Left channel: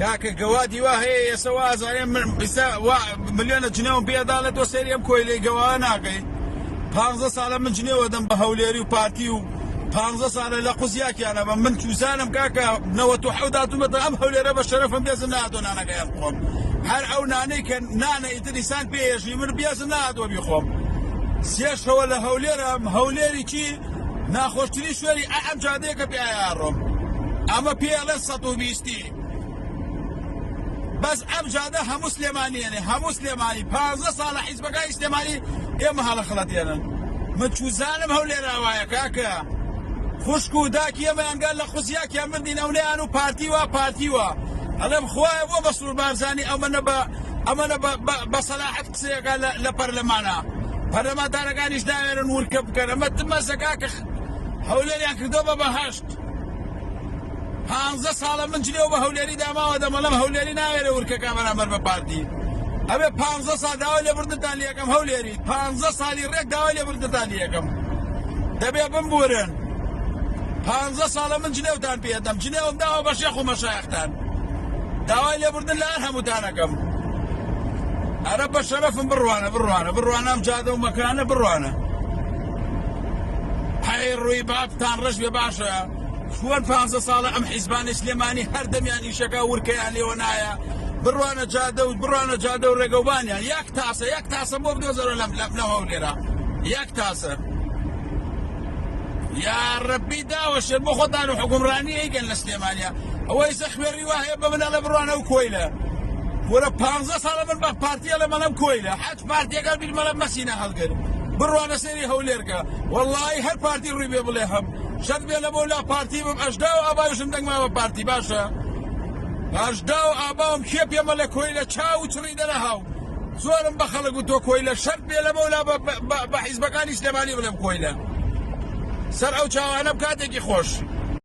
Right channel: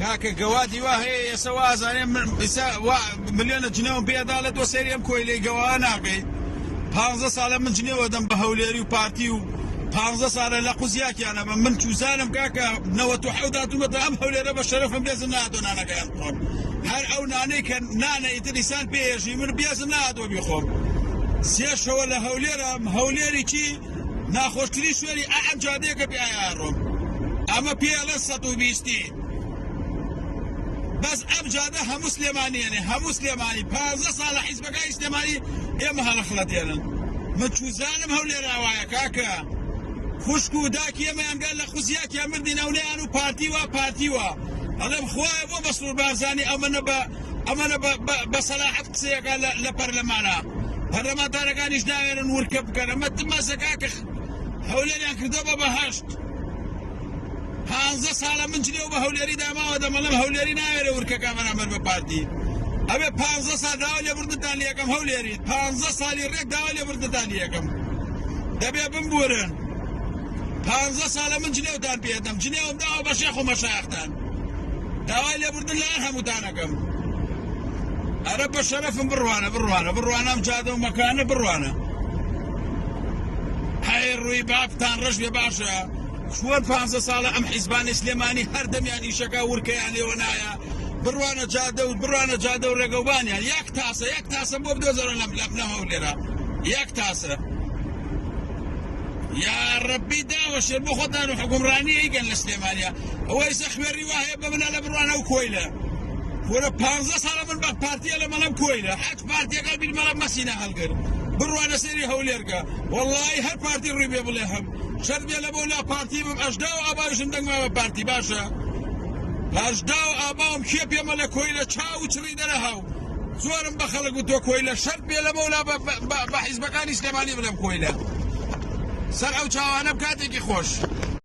کاکە گەوادی وا هەیە ئێستا وازانێ ملیۆنە جنێوم پێداڵێت تۆ سەریم کۆی لێ گەوا ناکەی 15 ساڵە من جنێوە دەم بە هەولێری و پارتی و 15 ساڵە لە قوزیاکیانە بە من چوزانم کاکە 97 داتومەتە ئەم هەولێرە بە شەرەفم بێزم نهاتۆ نانەکەی خۆم هەر ئەو نانەی کە نانە ئیتریسان پێێژی من بێزم نهاتۆ بیخۆم سێشەوە لە هەولێرم هەولێری چی ناخۆشترین شوێری ئەم جادەیەکە پێیاڕۆم ئەمە پێڵە 120 بەس ئەم جادە هەموو سلێمانیێنێ هەموو سلێمانی 15 ساڵە حیزبەکانی سلێمانی ئێمە هەڵەخڵەتێنن من چوزانم هەولێرە وایە کاکە خوشک و داکی ئێمە ئەنگەر لە قوزیاکیان مردین ئەولێیان و پارتیوە ئەڵێم خوایە بۆ بەسوور بارزانی ئەمەنە بە سەلاحەت قسەیەکە لە پەرلەمانە پەرلەمانتارەکانیش ناوێرن ورکە بکەن ئەمە تمەسە کاکە هەولێریان کردەوە بە بەهەشت 15 ساڵە من جلێ بە هەولێری داماوە دەمەڵم هەولێری ناوێرە ورکەکە بەرامبەر بە پارتی ئەبێ 15 ساڵ داوای لێبوردنتان لێ یەکەم هەولێری 15 ساڵی ڕێک داوای لێبوردنتان لێ یەکەم دەبێ بمبورن 15 ساڵە من جلێوتان پێدەم جلێوم داوە بە شێخ و مەشایختان داوای لێبوردن لایەن هەمووتانەکەم ئەرە بە شەرەفم بڕوانە ئەم جادە و مەکانە بڕوانە هەی ڕووی بابتان ڕژ بێ باشە چوار 15 ساڵە ئەم حیزبانی سلێمانی هەردەمیان ئیشەکە ورکەیان لێوە نایە بڕوانە جادە و ڕێگەوبانیان یەک تاسە بۆ بدۆزەرە لەم هەولێرە یەک تاسە یا ڕەبی داوەشێ بۆ خۆتان و حکومڕانی ئەیگەن لە سلێمانیە ئەوەی سە خوێڕی وایە بە منە لە بڕوانە و کۆیلە وەرە 15 ساڵە من بە پارتیە لە مەلەم کۆیلە حەج پارتیەکە بیر مەلەم مەسینە هەڵگرت بڕوانە سەری هەولێرکە وەڵڵاهی هەر پارتی ڕووی بێ بڵێ هەم شەرت بێ لە بۆ لا پارتی بم ئەشدا و ئابایشم دەنگماوە پارتی باشە ئەشدا و ئاباوم کێ پێمە لە کۆیلە چاو و چڕی دەرەهاو زۆرم بە خەڵک و تۆ کۆیلە شەرت بێ لە بۆلا بە حیزبەکانی سلێمانی بڵێم کۆیلە سەر ئەو چاوانە بکاتێکی خۆش